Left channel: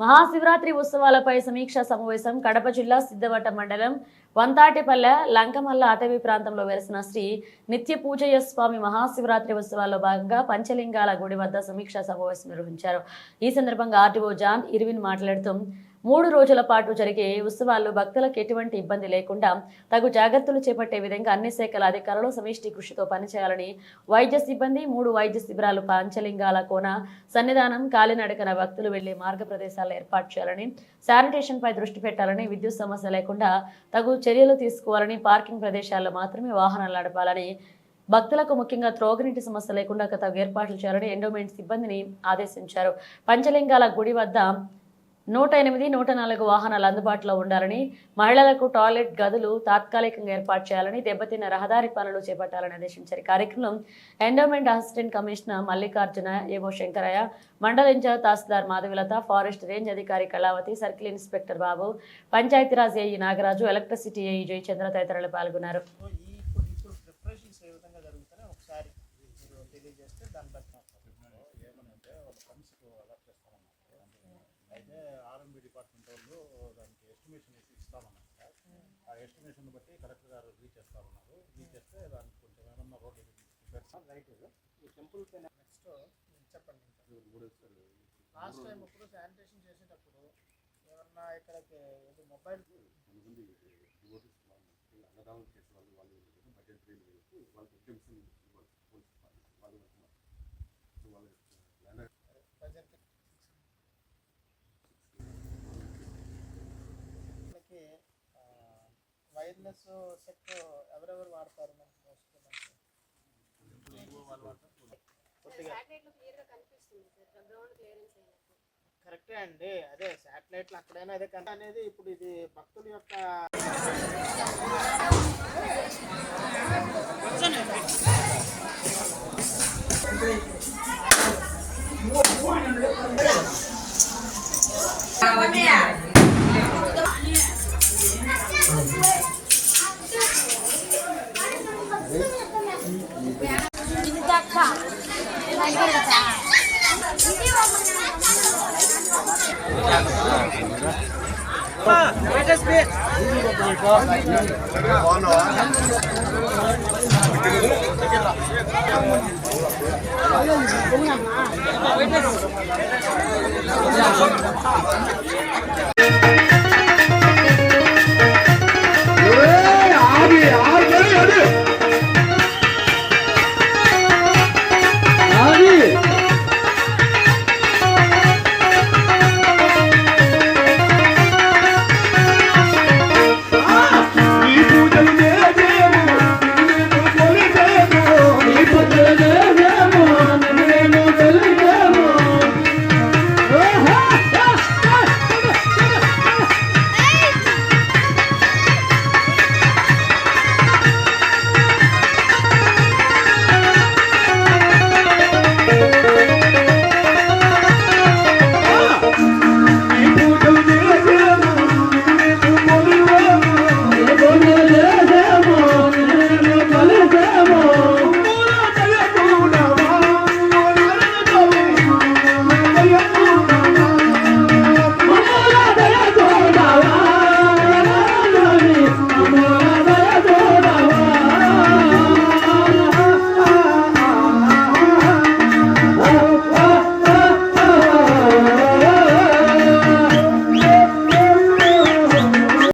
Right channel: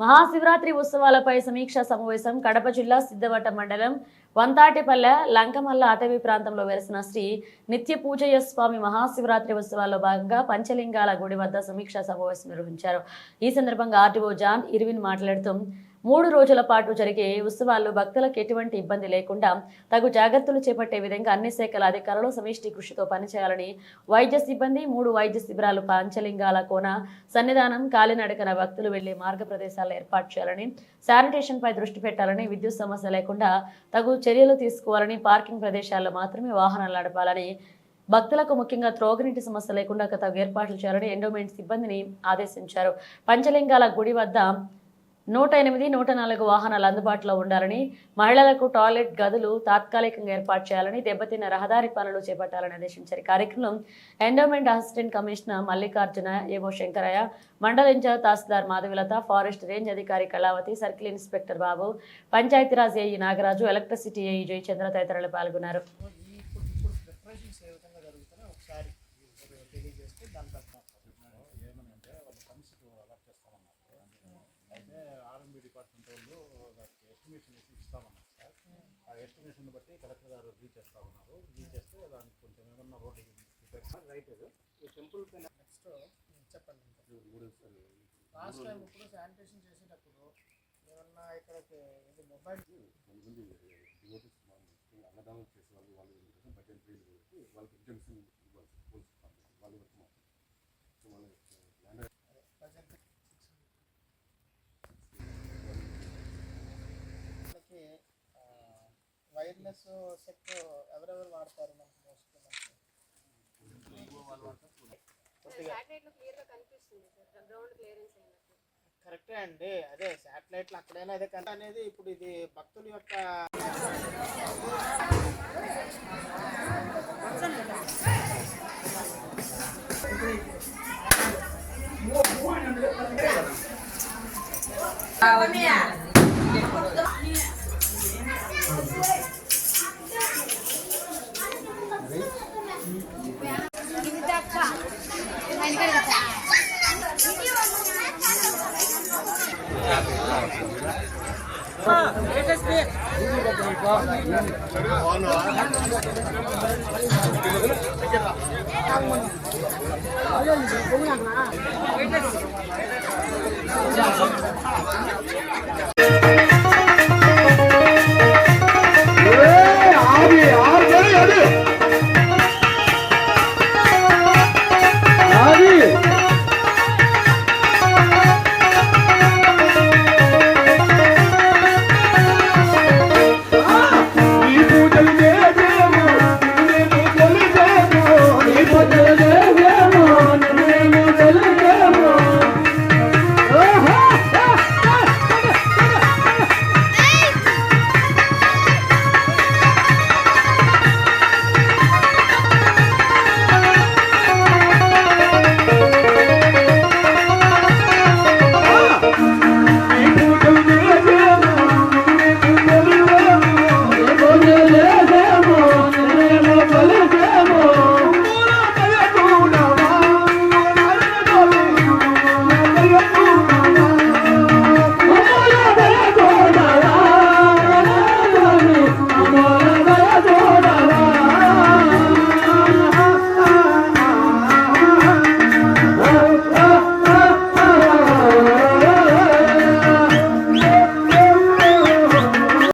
మహాశివరాత్రి ఉత్సవాలపై సమీక్షా సమావేశం కడప జిల్లా సిద్ధవట మండలం వంతాటిపల్లె లంకమల్ల అటవీ ప్రాంతంలో వెలిసిన శ్రీ నిత్య పూజయ్య స్వామి మహాశివరాత్రి ఉత్సవాల్లో భాగంగా పంచలింగాల గుడి వద్ద సమీక్షా సమావేశం నిర్వహించారు. ఈ సందర్భంగా ఆర్టీఓ జాన్ ఇర్విన్ మాట్లాడుతూ మూడు రోజుల పాటు జరిగే ఉత్సవాల్లో భక్తులకు ఎటువంటి ఇబ్బంది లేకుండా తగు జాగ్రత్తలు చేపట్టే విధంగా అన్ని శాఖల అధికారులు సమిష్టి కృషితో పనిచేయాలని వైద్య సిబ్బంది మూడు వైద్య శిబిరాలు పంచలింగాల కోన సన్నిధానం కాలినడకన భక్తులు వెళ్ళే మార్గ ప్రదేశాలు ఏర్పాటు చేయాలని శానిటేషన్ పై దృష్టి పెట్టాలని విద్యుత్ సమస్య లేకుండా తగు చర్యలు తీసుకోవాలని పార్కింగ్ ప్రదేశాల్లో మాత్రమే వాహనాలు నడపాలని భక్తులకు ముఖ్యంగా త్రోగనీటి సమస్య లేకుండా తగు ఏర్పాట్లు చేయాలని ఎండోమెంట్ సిబ్బందిని ఆదేశించారు. పంచలింగాల గుడి వద్ద నూట ఎనిమిది నూట నాలుగు వాహనాలు అందుబాటులో ఉండాలని మహిళలకు టాయిలెట్ గదులు తాత్కాలికంగా ఏర్పాటు చేయాలని దెబ్బతిన్న రహదారి పనులు చేపట్టాలని ఆదేశించారు ఈ కార్యక్రమం endowment assistant commissioner Mallikarjuna AO Shankaraiah మండల incharge tahsildar Madhavilatha forest range అధికారి Kalavathi circle inspector Babu Panchayati Raj AE Nagaraju electricity AE Jayachandra తదితరులు పాల్గొన్నారు తెలియజేస్తే దాన్ని బట్టి. ఏమనంటే వాళ్ళు అయితే ఆర్ఎంబి డిపార్ట్మెంట్ వాళ్ళు దానికి ఎస్టిమేషన్ వేసి ఇస్తామన్నారు సార్. ఆ ఎస్టిమేషన్ బట్టి కలెక్టర్ గారు రీచ్ చేస్తా ఉన్నారు. రీచ్ చేస్తే దానికి కొంచెం ఏమన్నా రోడ్డు రైట్ ఈ టెంపుల్ పైన నెక్స్ట్ చెప్పండి ఇంకా. లాస్ట్ టైం ఇప్పుడు శానిటేషన్ చేసేటప్పుడు ఏమన్నా ఇక్కడికి ఇది మొబైల్ కొంతమంది డివోటీస్ అన్నదానం చేసే వాళ్ళు వాళ్ళు బడ్జెట్ వాళ్ళకి ఎగ్జామ్షన్ ఇవ్వాలి పోలీస్ డిపార్ట్మెంట్ వాళ్ళ వరకు మాత్రం సో వాళ్ళు ల్యాండ్ ప్రజెంట్ మనకి వైర్లెస్ సెట్ ఎవరెవరు వాడతారు మనకి మోస్ట్లీ మనకి? కొద్దిగా. శాటిలైట్లో క్లియర్గా కనిపిస్తుంది సార్. గ్రౌండ్ క్లియరెన్స్ అయినట్టు. కరెక్టే అండి. అదే శాటిలైట్లు అక్కడైనా అదే కంటే అనేది ఇప్పుడు ఇది భక్తుల యొక్క Các!